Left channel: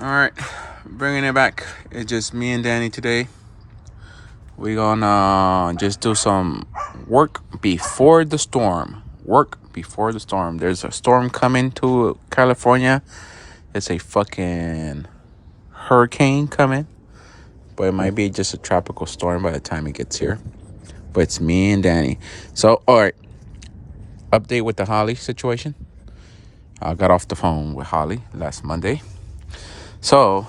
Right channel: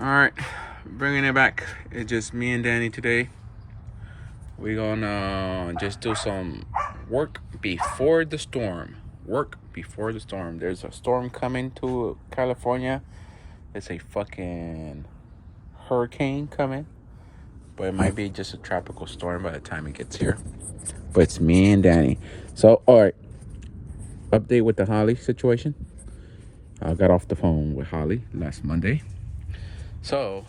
All right, bringing it back. It's just me and Danny today. We're gonna just do some work before the storm. Work before the storm. There's a storm coming to California. It's a fucking hurricane coming, but it might be just a tropical storm by the time it gets here. But it's me and Danny. So, all right, update with the Holly situation. I got off the phone with Holly last Monday. So,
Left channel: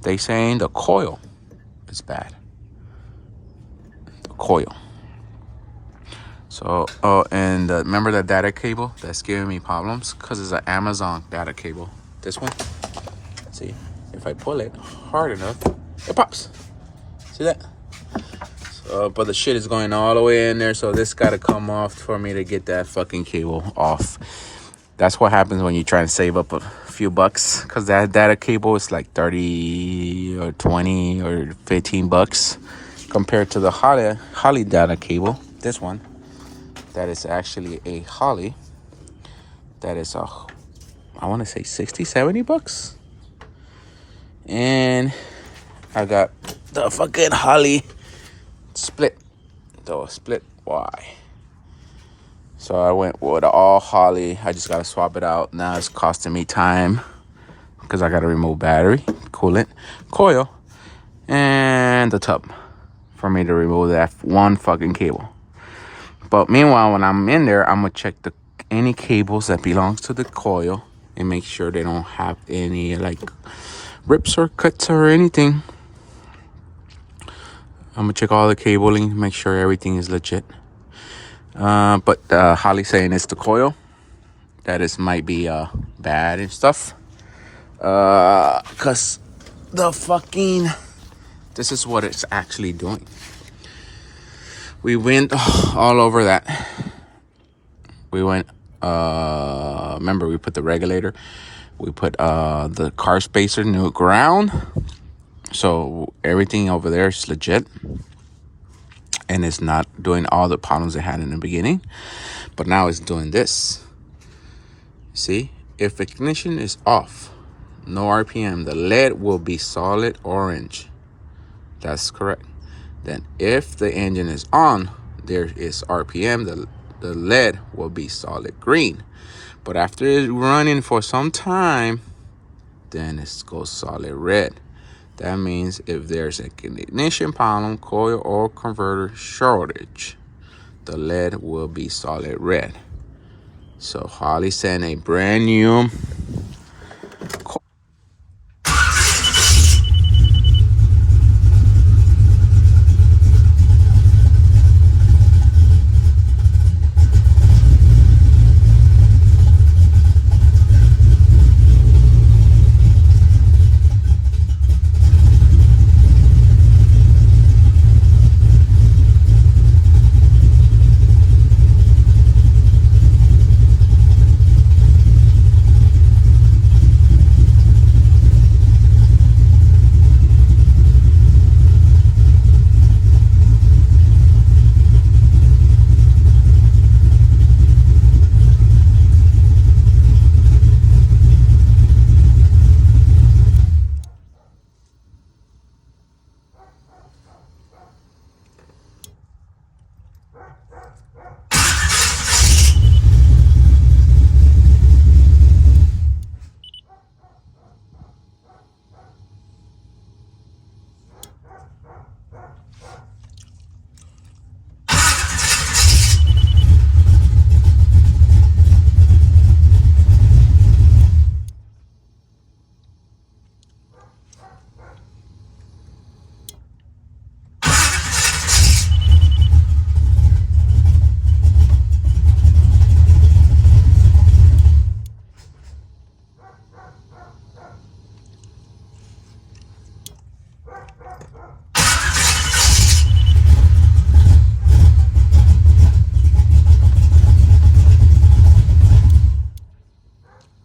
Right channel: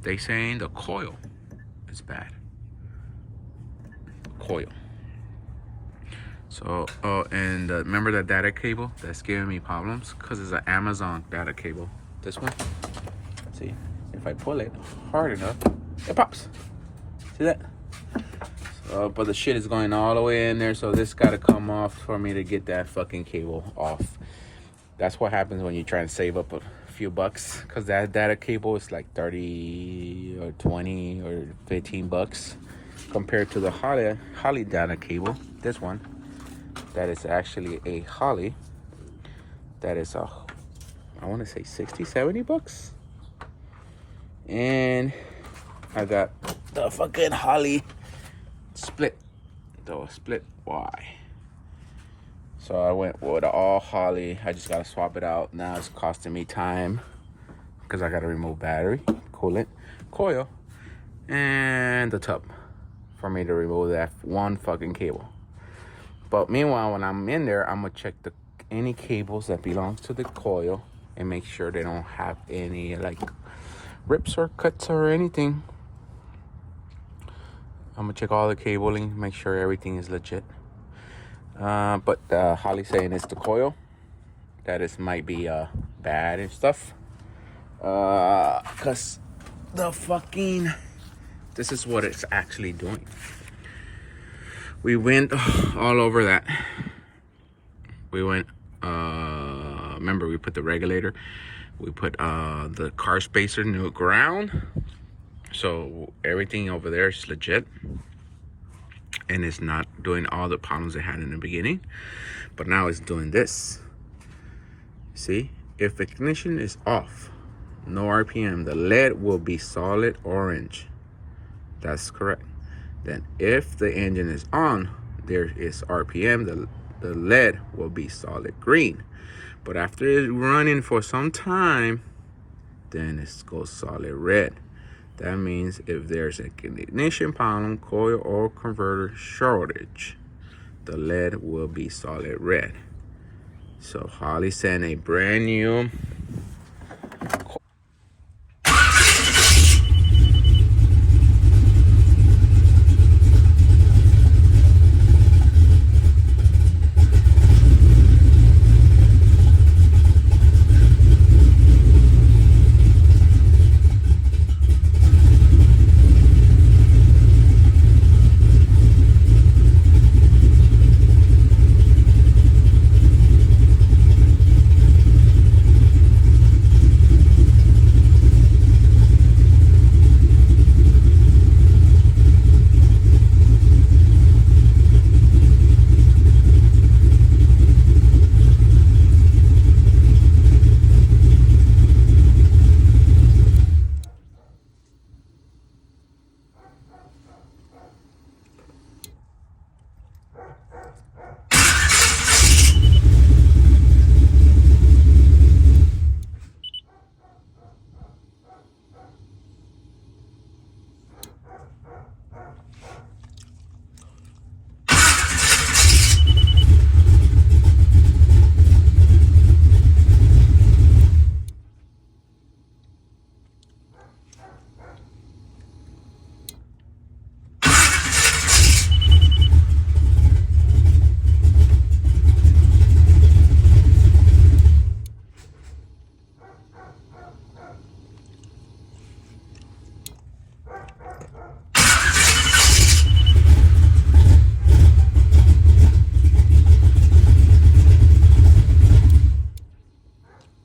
they saying the coil is bad. The coil. So, and remember that data cable that's giving me problems? Because it's an Amazon data cable. This one. See, if I pull it hard enough, it pops. See that? So, but the shit is going all the way in there, so this got to come off for me to get that fucking cable off. That's what happens when you try to save up a few bucks, because that data cable is like 30 or 20 or 15 bucks compared to the Holly data cable. This one, that is actually a Holly. That is I want to say 60, 70 bucks. And I got the fucking Holly split. The split Y. So I went with all Holly. I just got to swap it out. Now it's costing me time because I got to remove battery, coolant, coil, and the tub for me to remove that one fucking cable. But meanwhile, when I'm in there, I'm going to check any cables that belongs to the coil and make sure they don't have any like rips or cuts or anything. I'm going to check all the cabling, make sure everything is legit. But Holly saying it's the coil that is might be bad and stuff. Cause the fucking this is what it's actually doing. We went all over that. We went. Remember we put the regulator. We put the car spacer new ground. So everything over there is legit. And it's not doing all the problems it had in the beginning. But now it's doing this. See? If ignition is off, no RPM, the LED will be solid orange. That's correct. Then if the engine is on, there is RPM, the LED will be solid green. But after it's running for some time, then it goes solid red. That means if there's an ignition problem, coil or converter shortage, the LED will be solid red. So Holly sent a brand new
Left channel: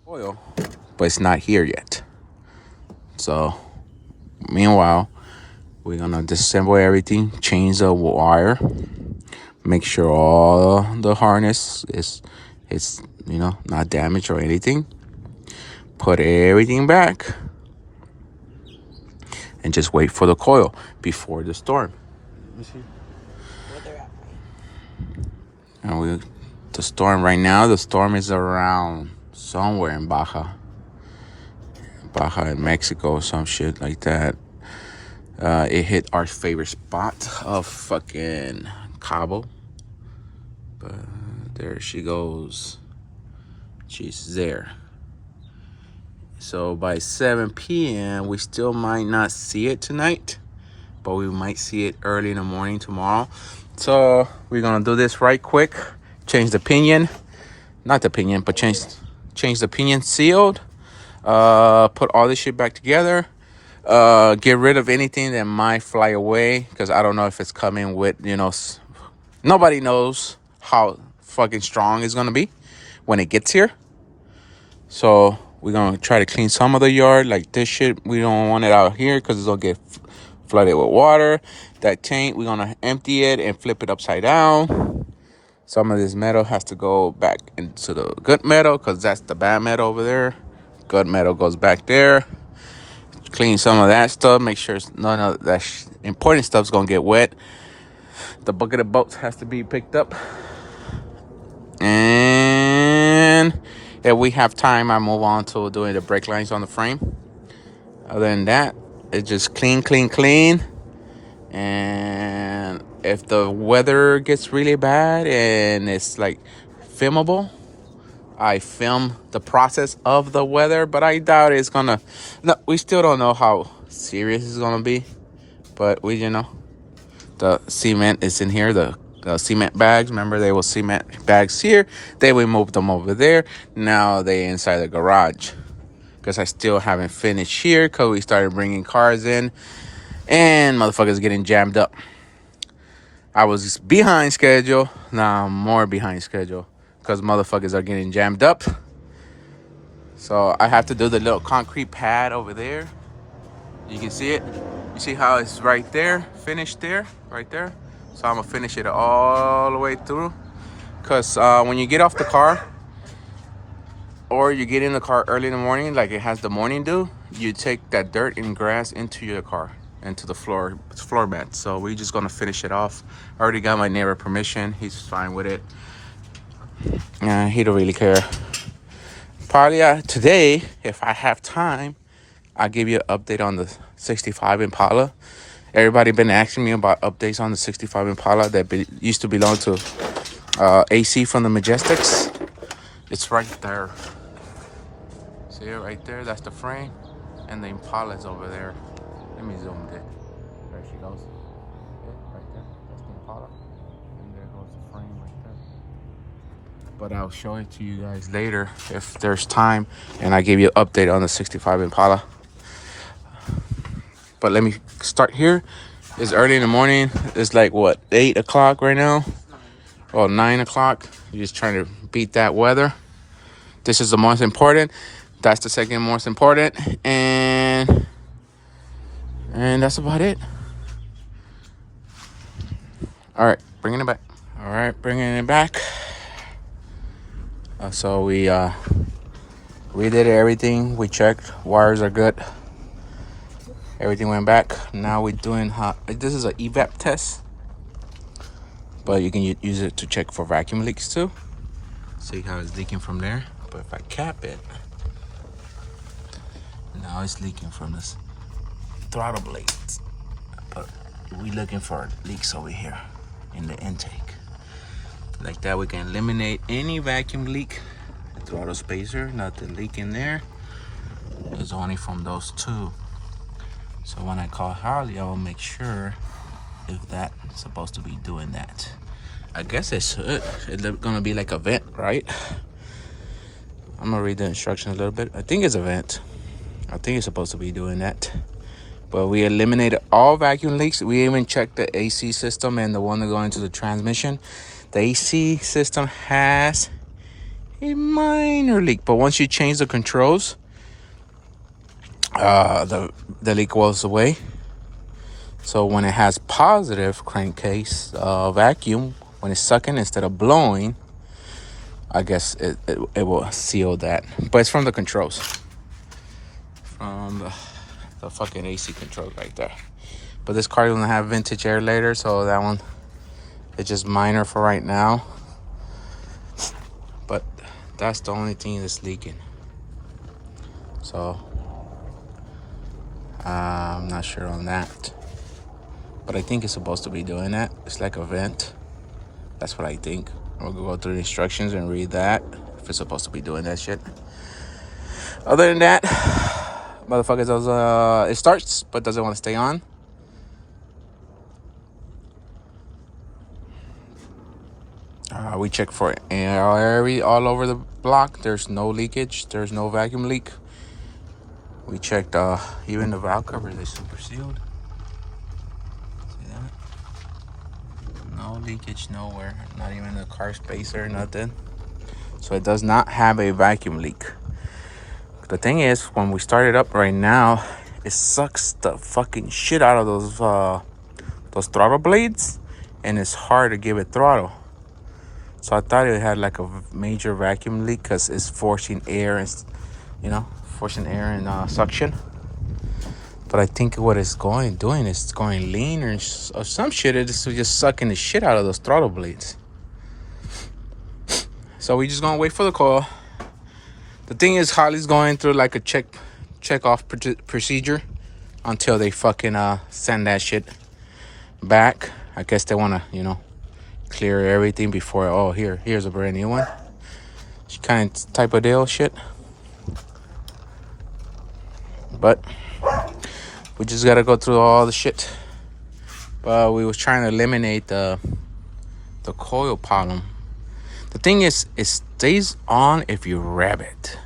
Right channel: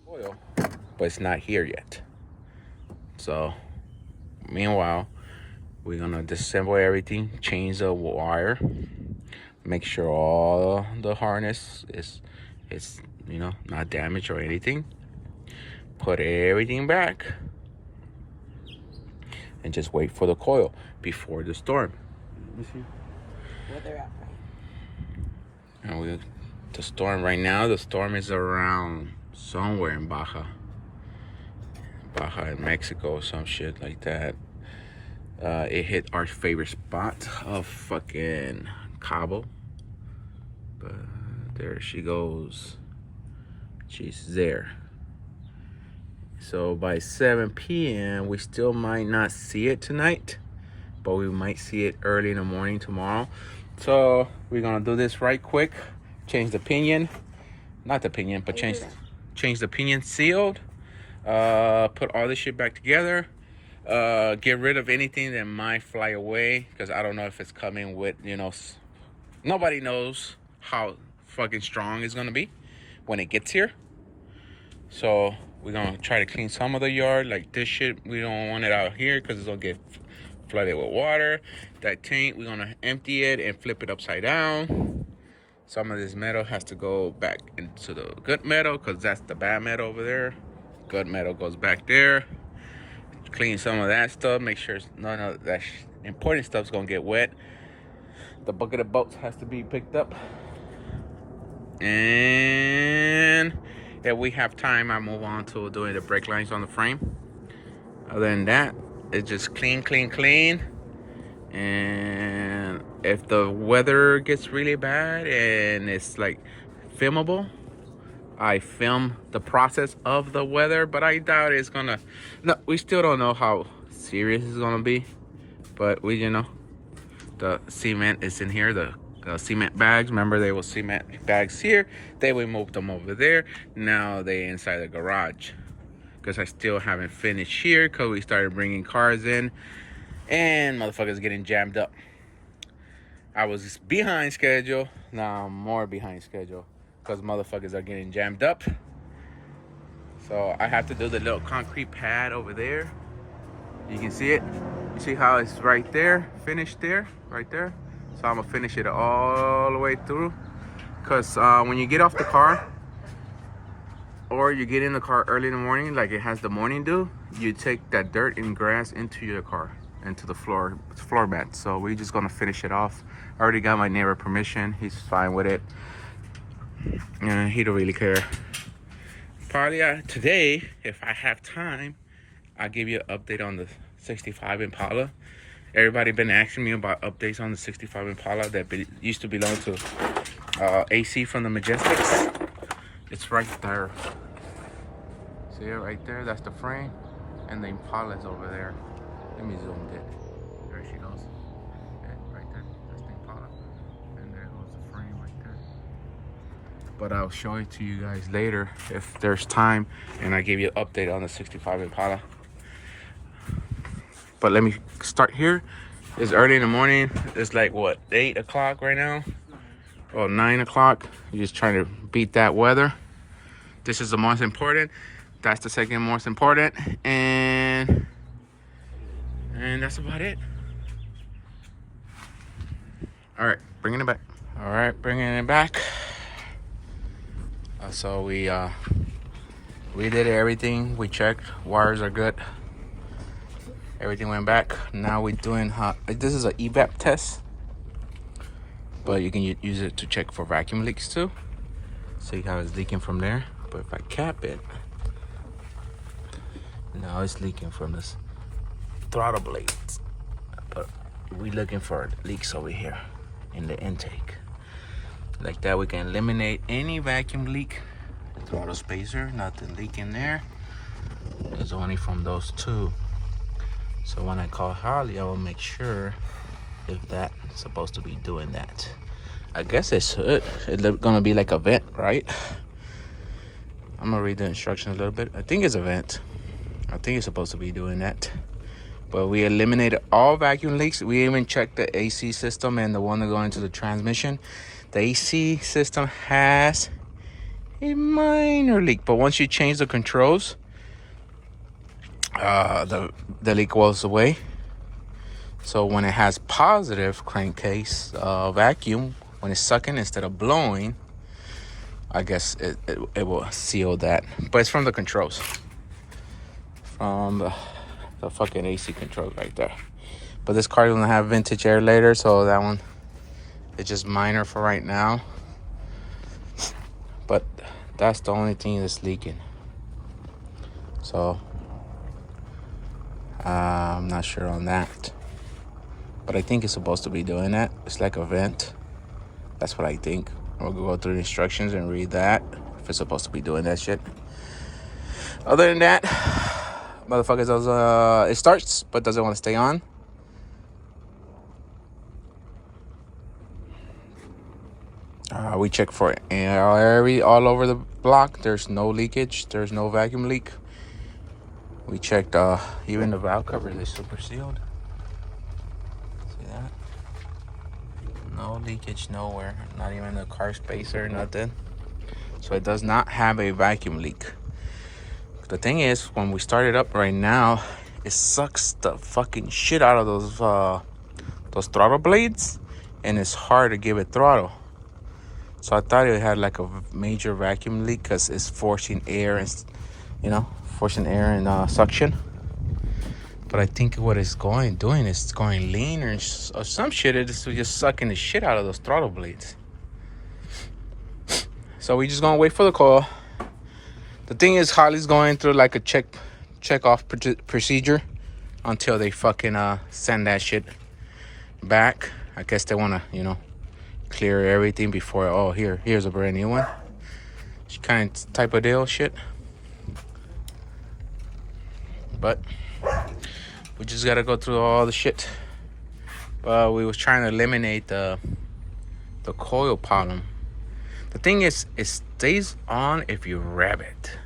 oil, but it's not here yet. So meanwhile, we're gonna disassemble everything, change the wire, make sure all the harness is not damaged or anything. Put everything back, and just wait for the coil before the storm. Let me see. Where they're at. And the storm right now, the storm is around somewhere in Baja in Mexico or some shit like that. It hit our favorite spot of fucking Cabo. But there she goes. She's there. So by 7 p.m. we still might not see it tonight, but we might see it early in the morning tomorrow. So we're gonna do this right quick. Change the pinion, not the pinion, but change the pinion sealed. Put all this shit back together. Get rid of anything that might fly away, because I don't know if it's coming with, nobody knows how fucking strong it's gonna be when it gets here. So we're gonna try to clean some of the yard. Like this shit, we don't want it out here because it's gonna get flooded with water. That tank, we're gonna empty it and flip it upside down. Some of this metal has to go back into the good metal, because that's the bad metal over there. Good metal goes back there. Clean some of that stuff. Make sure none of that important stuff's gonna get wet. The bucket of bolts has to be picked up. And if we have time, I move on to doing the brake lines on the frame. Other than that, it's just clean. And if the weather gets really bad and it's like filmable, I film the process of the weather, but I doubt it's gonna. No, we still don't know how serious it's gonna be, but the cement is in here. The cement bags. Remember, they were cement bags here. Then we moved them over there. Now they inside the garage, because I still haven't finished here, because we started bringing cars in and motherfuckers getting jammed up. I was behind schedule. Now I'm more behind schedule because motherfuckers are getting jammed up. So I have to do the little concrete pad over there. You can see it. You see how it's right there, finished there, right there. So I'm gonna finish it all the way through. Because when you get off the car, or you get in the car early in the morning, like it has the morning dew, you take that dirt and grass into your car, into the floor mat. So we're just gonna finish it off. I already got my neighbor permission. He's fine with it. He don't really care. Probably today, if I have time, I'll give you an update on the 65 Impala. Everybody been asking me about updates on the 65 Impala that used to belong to AC from the Majestics. It's right there. See it right there? That's the frame. And the Impala's over there. Let me zoom it. There she goes. Yeah, right there. That's the Impala. And there goes the frame right there. But I'll show it to you guys later if there's time. And I give you an update on the 65 Impala. But let me start here. It's early in the morning. It's like, what, 8 o'clock right now? Or 9 o'clock. You're just trying to beat that weather. This is the most important. That's the second most important. And that's about it. All right, bringing it back. All right, bringing it back. So we did everything. We checked. Wires are good. Everything went back. Now we're doing this is an evap test, but you can use it to check for vacuum leaks too. See how it's leaking from there. But if I cap it, now it's leaking from this throttle blades. But we're looking for leaks over here in the intake. Like that, we can eliminate any vacuum leak. The throttle spacer, nothing leaking there. It's only from those two. So when I call Harley, I will make sure if that's supposed to be doing that. I guess it should. It's gonna be like a vent, right? I'm gonna read the instructions a little bit. I think it's a vent. I think it's supposed to be doing that. But we eliminated all vacuum leaks. We even checked the AC system and the one that go into the transmission. The AC system has a minor leak, but once you change the controls, the leak goes away. So when it has positive crankcase vacuum, when it's sucking instead of blowing, I guess it will seal that. But it's from the controls. From the fucking AC control right there. But this car doesn't have vintage air later, so that one is just minor for right now. But that's the only thing that's leaking. So I'm not sure on that. But I think it's supposed to be doing that. It's like a vent. That's what I think. We'll go through the instructions and read that. If it's supposed to be doing that shit. Other than that, motherfuckers does it starts but doesn't want to stay on. We check for it all over the block. There's no leakage. There's no vacuum leak. We checked even the valve covers are super sealed. See that? No leakage nowhere. Not even the car spacer, nothing. So it does not have a vacuum leak. The thing is, when we start it up right now, it sucks the fucking shit out of those throttle blades, and it's hard to give it throttle. So I thought it had like a major vacuum leak because it's forcing air and, suction. But I think what it's doing is it's going lean or some shit. It's just sucking the shit out of those throttle blades. So we just gonna wait for the coil. The thing is, Holley's going through like a check off procedure until they fucking send that shit back. I guess they wanna, clear everything before. Here's a brand new one. Kind of type of deal shit. But we just gotta go through all the shit. But we was trying to eliminate the coil problem. The thing is, it stays on if you rev it.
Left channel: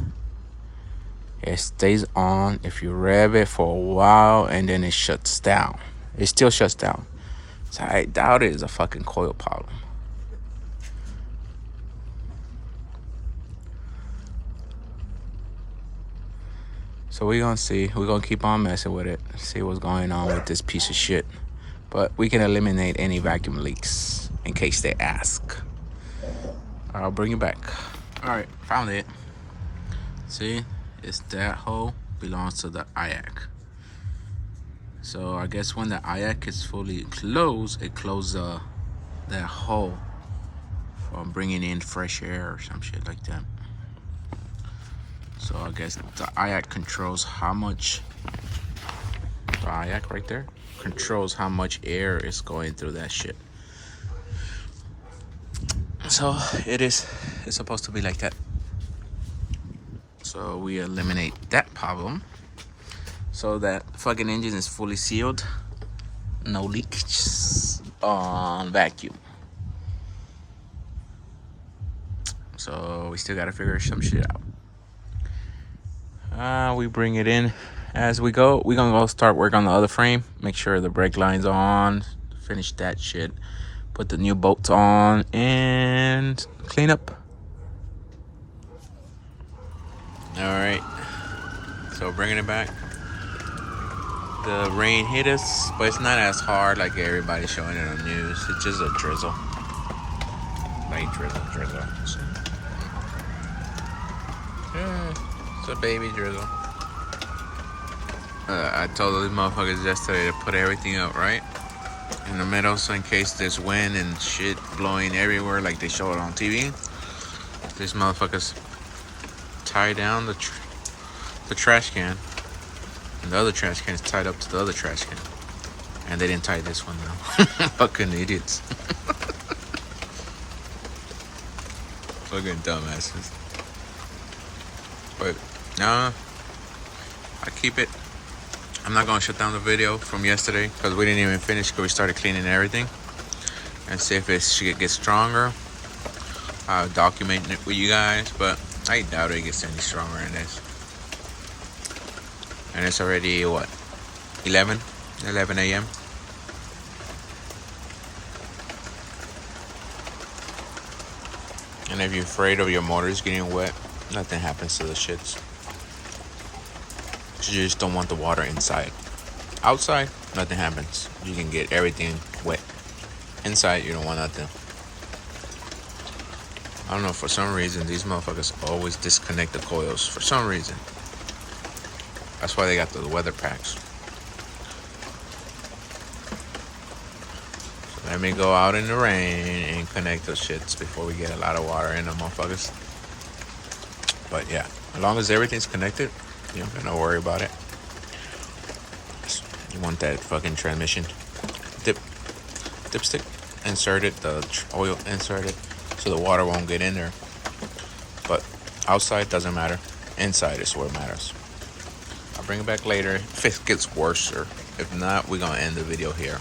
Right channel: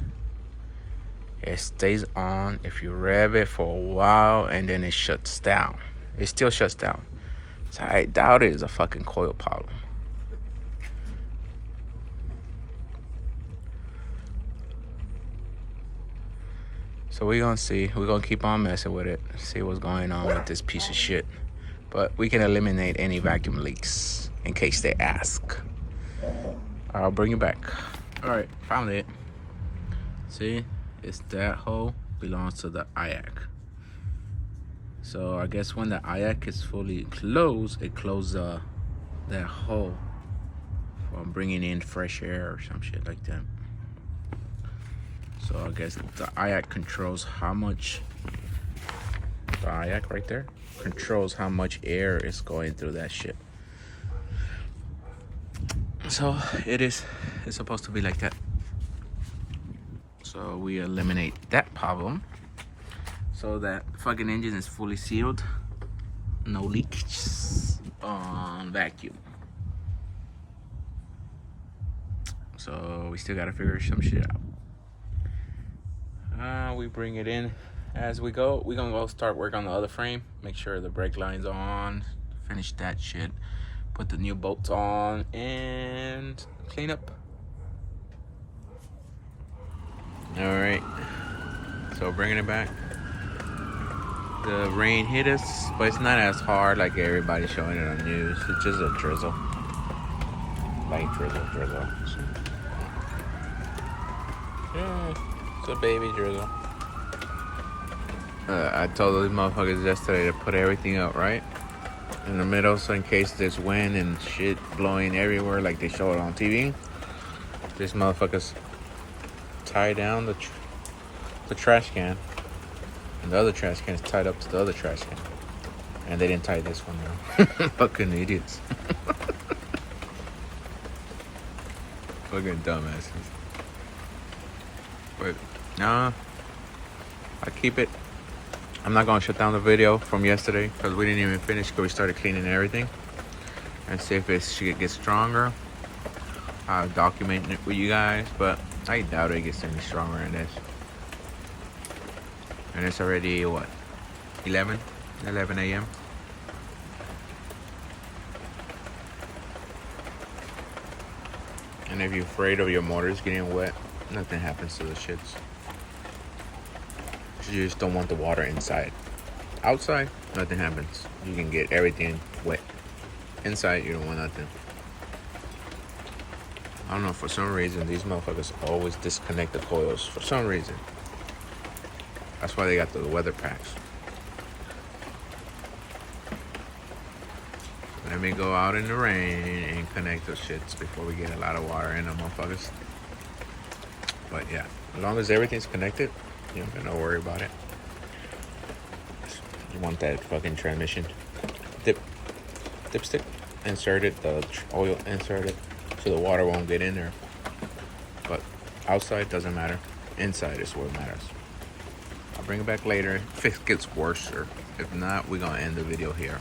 It stays on if you rev it for a while and then it shuts down. It still shuts down. So I doubt it is a fucking coil problem. So we're gonna see. We're gonna keep on messing with it. See what's going on with this piece of shit. But we can eliminate any vacuum leaks in case they ask. I'll bring it back. Alright, found it. See? It's that hole belongs to the IAC. So I guess when the IAC is fully closed, it closes that hole from bringing in fresh air or some shit like that. So I guess the IAC controls how much, the IAC right there, controls how much air is going through that shit. So it's supposed to be like that. So we eliminate that problem. So that fucking engine is fully sealed. No leaks on vacuum. So we still gotta figure some shit out. We bring it in as we go. We're gonna go start work on the other frame. Make sure the brake line's on. Finish that shit. Put the new bolts on and clean up. Alright. So bringing it back. The rain hit us, but it's not as hard like everybody's showing it on the news. It's just a drizzle. Light drizzle. Yeah, it's a baby drizzle. I told these motherfuckers yesterday to put everything up right in the middle, so in case there's wind and shit blowing everywhere like they show it on TV, these motherfuckers tie down the trash can, and the other trash can is tied up to the other trash can, and they didn't tie this one though. Fucking idiots. Fucking dumbasses. But nah, I keep it. I'm not gonna shut down the video from yesterday because we didn't even finish because we started cleaning everything, and see if it should get stronger. I'll document it with you guys, but I doubt it gets any stronger than this. And it's already what, 11 a.m. And if you're afraid of your motors getting wet, nothing happens to the shits. You just don't want the water inside. Outside, nothing happens. You can get everything wet. Inside, you don't want nothing. I don't know, for some reason, these motherfuckers always disconnect the coils. For some reason. That's why they got the weather packs. Let me go out in the rain and connect those shits before we get a lot of water in them motherfuckers. But yeah, as long as everything's connected, you don't gotta worry about it. You want that fucking transmission dipstick inserted, the oil inserted, so the water won't get in there. But outside doesn't matter. Inside is what matters. I'll bring it back later if it gets worse, or if not, we're gonna end the video here.